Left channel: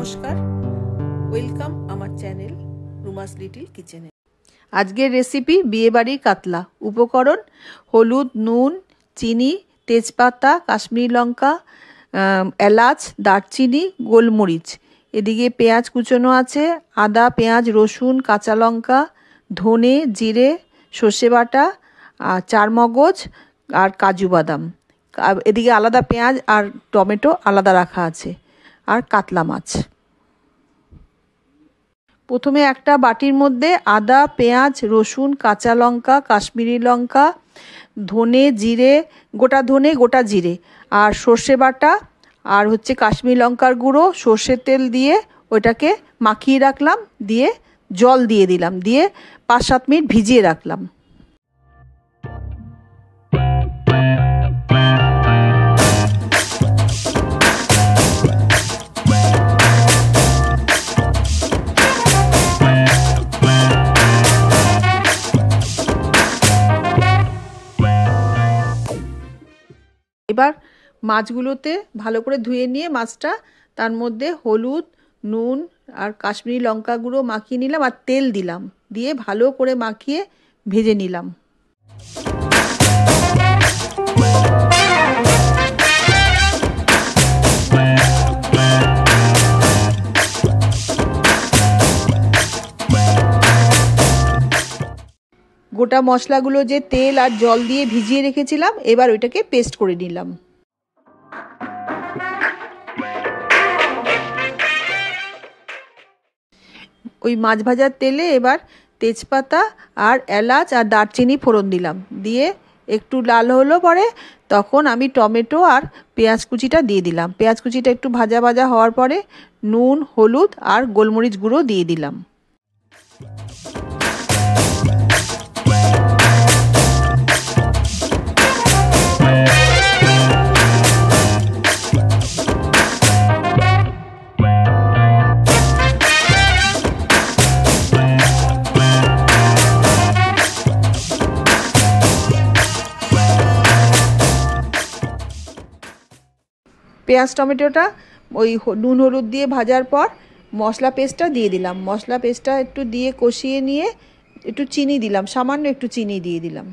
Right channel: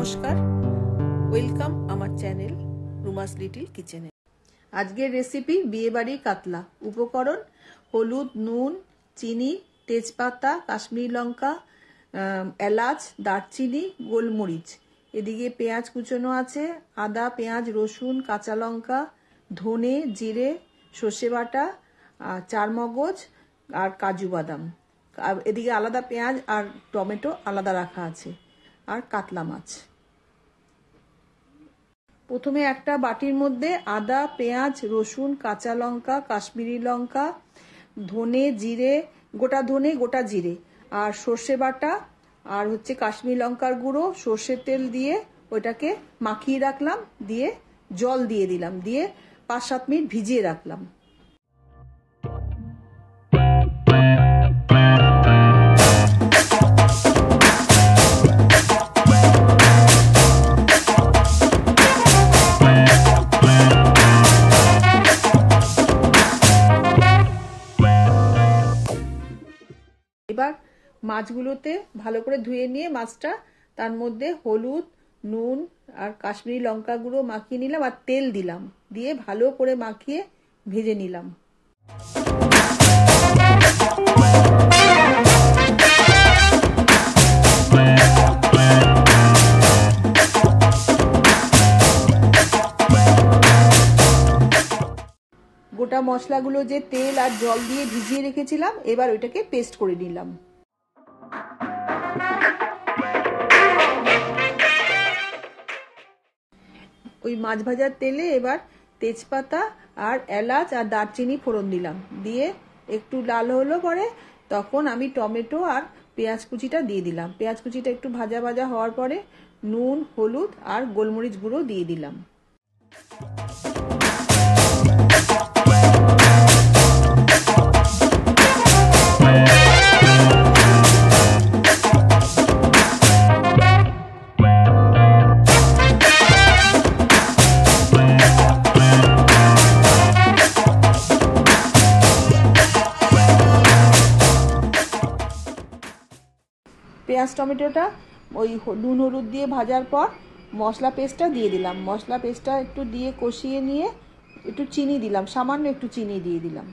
নমস্কার, ওয়েলকাম আমার channel রুমাস little কিচেনে। আজকের রেসিপি বিয়েবাড়ির কাতলা। উপকরণ: হলুদ, নুন, চিনি, তেজপাতা, কাশ্মীরি লঙ্কা, এলাচ, দারচিনি, গোলমরিচ। এদিকে পেঁয়াজ কুচোনো আছে, আদা, পেঁয়াজ, রসুন, কাঁচা লঙ্কা, ধনে, জিরে, সর্ষে বাটা, চারমগজ আর কাজু বাদাম। এদিকে আলাদা পেঁয়াজ আর টমেটো আলাদা রাখা আছে, আর কাতলা মাছ। প্রথমে একটা বাটির মধ্যে আদা, পেঁয়াজ, রসুন, কাঁচা লঙ্কা, কাশ্মীরি লঙ্কা, ধনে, জিরে, গোটা ধনে, গোটা জিরে আর সর্ষে বাটা আর কাশ্মীরি লঙ্কার গুঁড়ো, সর্ষের তেল দিয়ে ওইটাকে মাখিয়ে রাখলাম। দিয়ে জল দিয়ে দিলাম, দিয়ে 5-7 মিনিট ভিজিয়ে রাখলাম। এবার মাছগুলোতে ভালো করে ধুয়ে নিয়ে মাছটা তার মধ্যে হলুদ, নুন আর কাশ্মীরি লঙ্কা গুঁড়ো মাখিয়ে নিলাম, আর তেল দিলাম, দিয়ে ভালো করে মাখিয়ে ভেজে নিলাম। গোটা মশলাগুলো যে তেল আর জল দিয়ে ভিজিয়ে রেখেছিলাম, এবার ওইটাকে পেস্ট করে নিলাম। ওই মাছ ভাজার তেলে এবার তেজপাতা আর এলাচ আর দারচিনি ফোড়ন দিলাম, দিয়ে একটু লাল হলো পরে তখন আমি টমেটো আর পেঁয়াজ কুচিটা দিয়ে দিলাম। পেঁয়াজ কুচিটা একটু ভাজা ভাজা হওয়ার পরে নুন, হলুদ আর গোলমরিচ গুঁড়ো দিয়ে দিলাম। পেঁয়াজ টমেটোটা ওই নুন হলুদ দিয়ে ভাজার পর মশলা পেস্টটা দিয়ে দিলাম। মশলা পেস্টটা একটু দিয়ে কষিয়ে নিয়ে একটু চিনি দিলাম, সামান্য একটু চিনি দিয়ে দিলাম।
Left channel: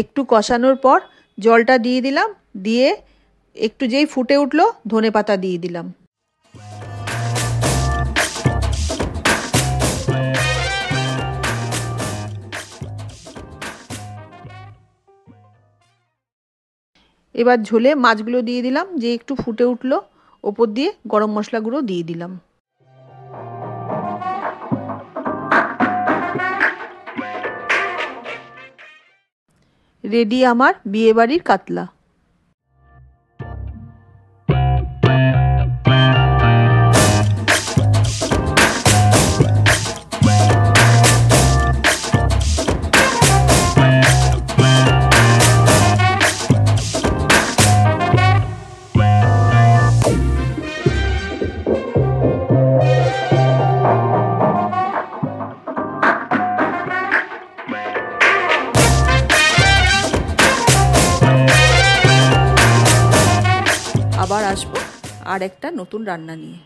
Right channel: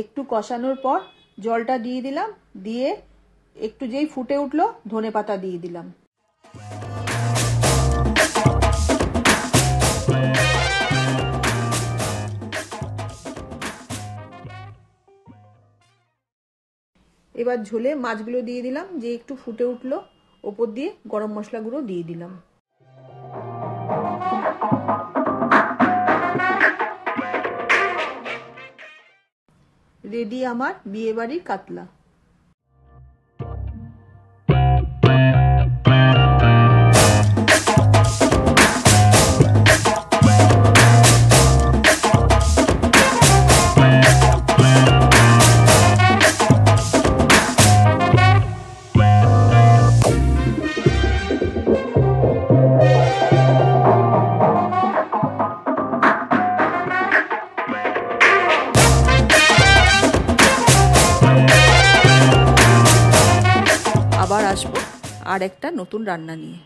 একটু কষানোর পর জলটা দিয়ে দিলাম, দিয়ে একটু যেই ফুটে উঠলো ধনেপাতা দিয়ে দিলাম। এবার ঝোলে মাছগুলো দিয়ে দিলাম, যে একটু ফুটে উঠলো ওপর দিয়ে গরম মশলা গুঁড়ো দিয়ে দিলাম। রেডি আমার বিয়েবাড়ির কাতলা। আবার আসবো আর একটা নতুন রান্না নিয়ে।